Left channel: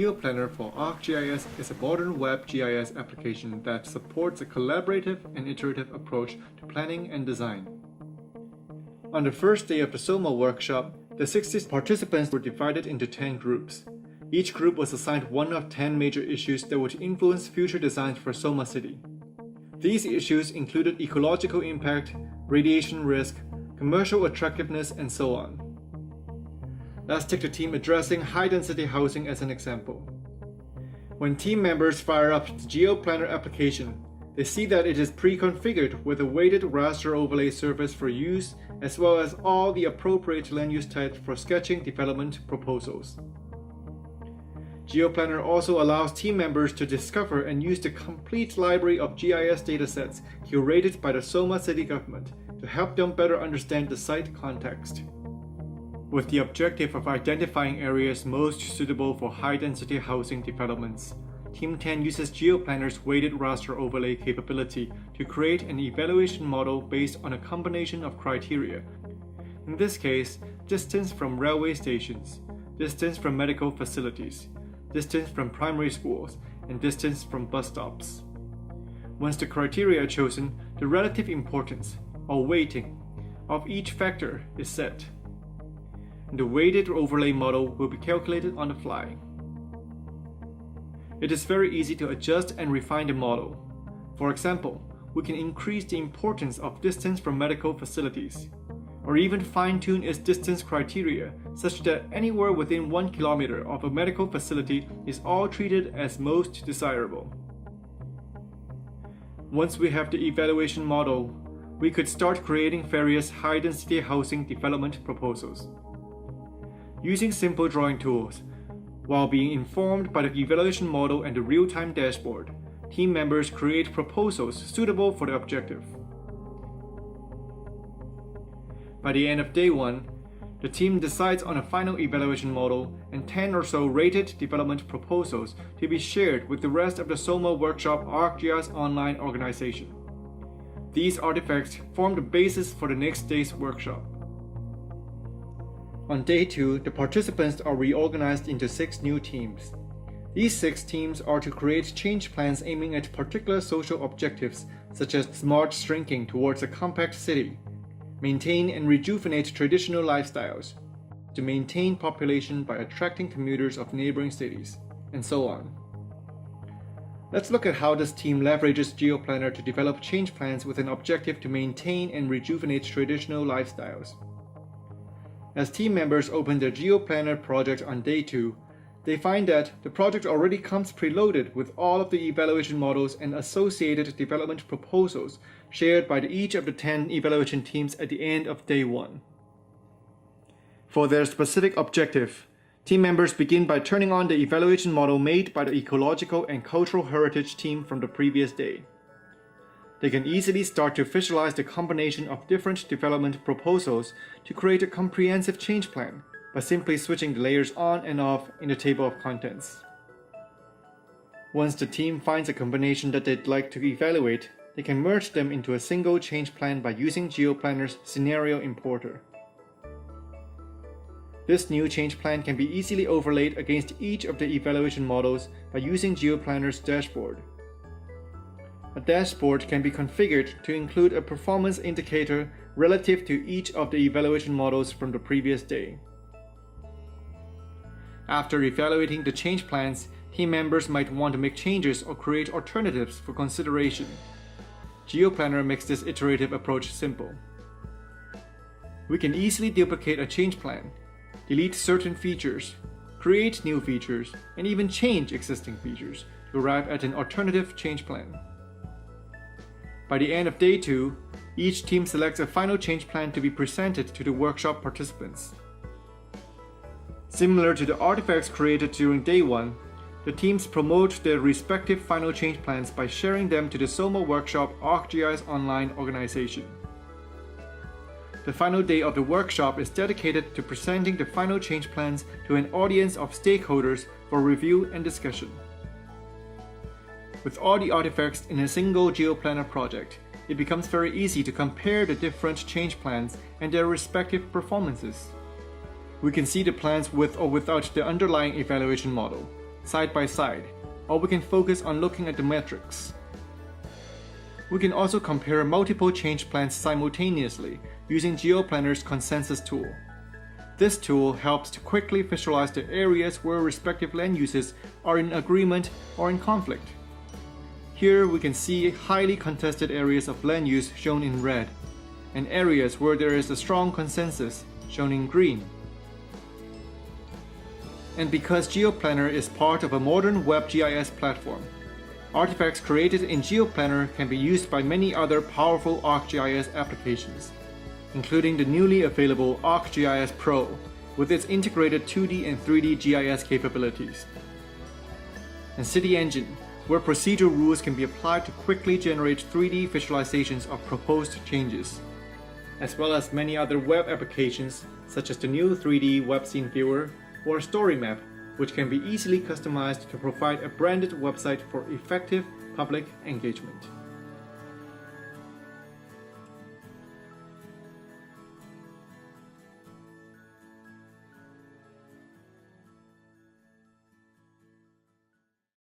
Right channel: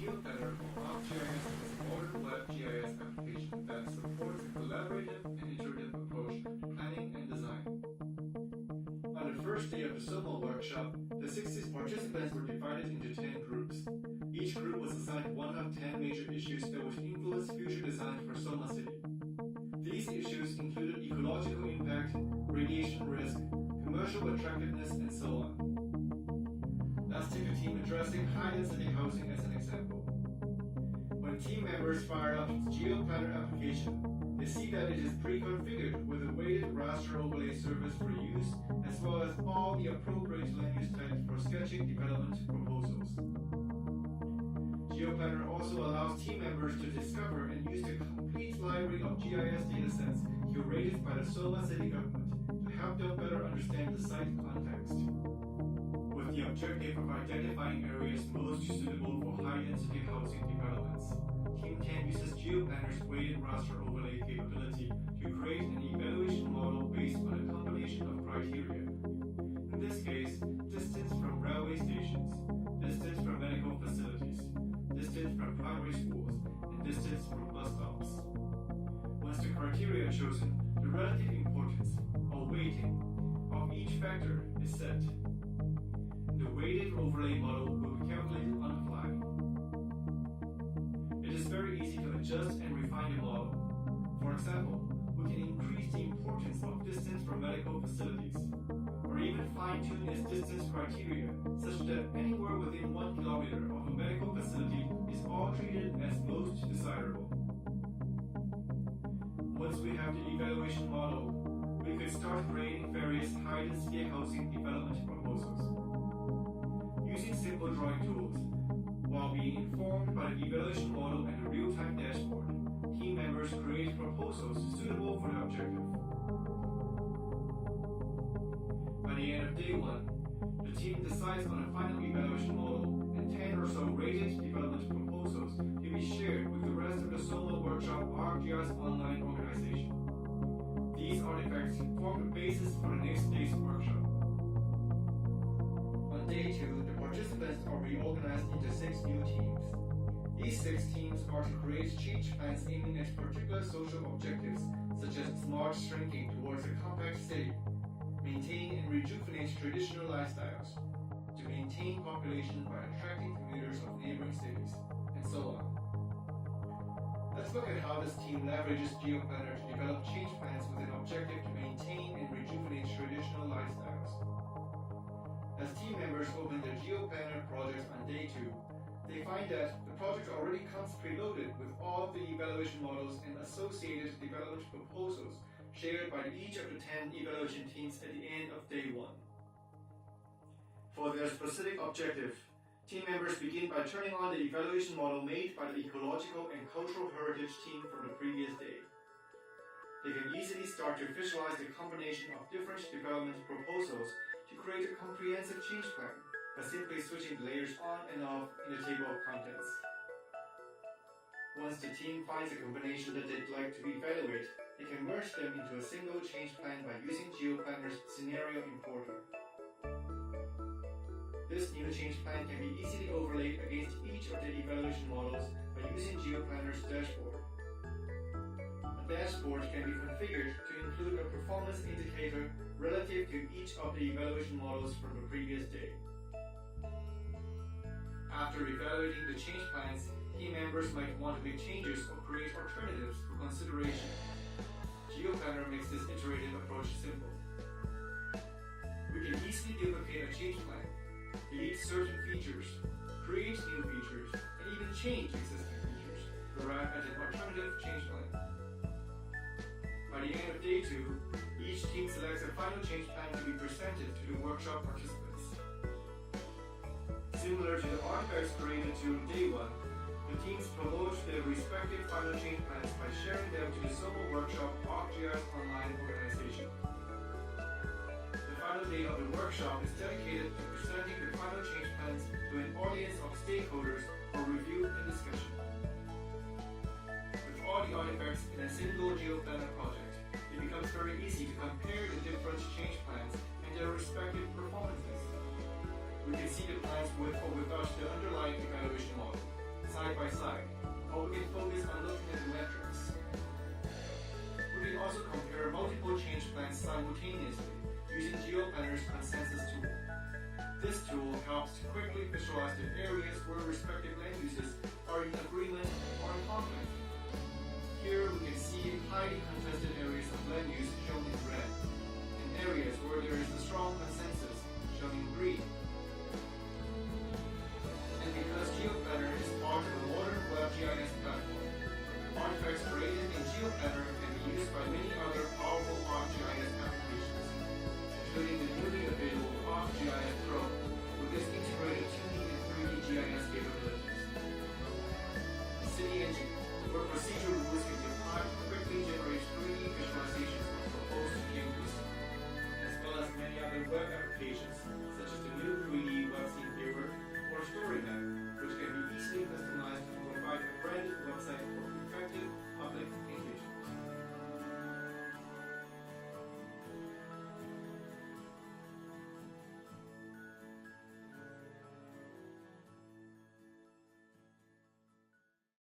GeoPlanner for ArcGIS is a modern web GIS application that supports a collaborative and iterative approach to planning and design. On the first day of the Soma workshop, the 60 participants were divided into 10 groups. Each group was assigned one of 10 major issues that would influence future designs for Soma City. These issues included ecological impact, radiation risk, commercial attractiveness, and so on. Let's take the team addressing high-density housing as an example. When team members fire up the GeoPlanner application, they see that it is pre-configured with a weighted raster overlay surface for use, as well as all the appropriate land use types for sketching development proposals. GeoPlanner also allows team members to discover and use the complete library of GIS datasets curated by the Soma City government to help them better understand the site context. With the objective of identifying areas most suitable for high-density housing developments, Team 10 uses GeoPlanner's weighted raster overlay capability to create an evaluation model based on a combination of criteria. In this case, distance from railway stations, distance from medical facilities, distance from primary schools, and distance from bus stops. Once the criteria are chosen, the relative importance, or weighting, of each factor is set. The weighted overlay model will be calculated on the fly. It is very easy to adjust and refine the model. For example, we can increase the importance of distance from medical facilities, or even fine-tune its distance criteria such that anywhere within 1 kilometer of a medical facility is all treated as most desirable. Once we have the evaluation model, we could start creating various high-density housing development proposals. Using simple drawing tools, while being informed by the evaluation model and the real-time dashboard, team members create proposals suitable for the objective. By the end of day 1, the team decides on a final evaluation model and 10 or so rated development proposals to be shared with the rest of the Soma Workshop ArcGIS online organization. These artifacts form the basis for the next day's workshop. On day 2, the participants are reorganized into 6 new teams. These 6 teams are to create change plans aiming at particular social objectives such as smart shrinking towards a compact city, maintain and rejuvenate traditional lifestyles, to maintain population by attracting commuters of neighboring cities, and so on. Let's look at how this team leverages GeoPlanner to develop change plans with an objective to maintain and rejuvenate traditional lifestyles. As team members open their GeoPlanner project on day 2, they find that the project already comes preloaded with all of the evaluation models and associated development proposals shared by each of the 10 evaluation teams at the end of day 1. For their specific objective, team members begin by turning on the evaluation model made by the ecological and cultural heritage team from the previous day. They can easily start to visualize the combination of different development proposals to create a comprehensive change plan by simply switching the layers on and off in the table of contents. Once the team finds a combination that they'd like to evaluate, they can merge them into a single change plan by using GeoPlanner's scenario importer. This new change plan can be easily overlaid against each of the evaluation models by using GeoPlanner's dashboard. A dashboard can be configured to include a performance indicator relative to each of the evaluation models from the previous day. After evaluating the change plans, team members might want to make changes or create alternatives for consideration. GeoPlanner makes this iterative approach simple. We can easily duplicate a change plan, delete certain features, create new features, and even change existing features to arrive at an alternative change plan. By the end of day 2, each team selects a final change plan to be presented to the workshop participants. Similar to the artifacts created during day 1, the teams promote their respective final change plans by sharing them to the Soma Workshop ArcGIS online organization. The final day of the workshop is dedicated to presenting the final change plans to an audience of stakeholders for review and discussion. With all the artifacts in a single GeoPlanner project, it becomes very easy to compare the different change plans and their respective performances. We can see the plans with or without the underlying evaluation model, side by side, or we can focus on looking at the metrics. We can also compare multiple change plans simultaneously using GeoPlanner's consensus tool. This tool helps to quickly visualize the areas where respective land uses are in agreement or in conflict. Here we can see highly contested areas of land use shown in red, and areas where there is a strong consensus shown in green. And because GeoPlanner is part of a modern web GIS platform, artifacts created in GeoPlanner can be used by many other powerful ArcGIS applications, including the newly available ArcGIS Pro with its integrated 2D and 3D GIS capabilities, and City Engine, where procedural rules can be applied to quickly generate 3D visualizations of proposed changes, as well as many other web applications such as the new 3D web scene viewer or story map, which can be easily customized to provide a branded website for effective public engagement.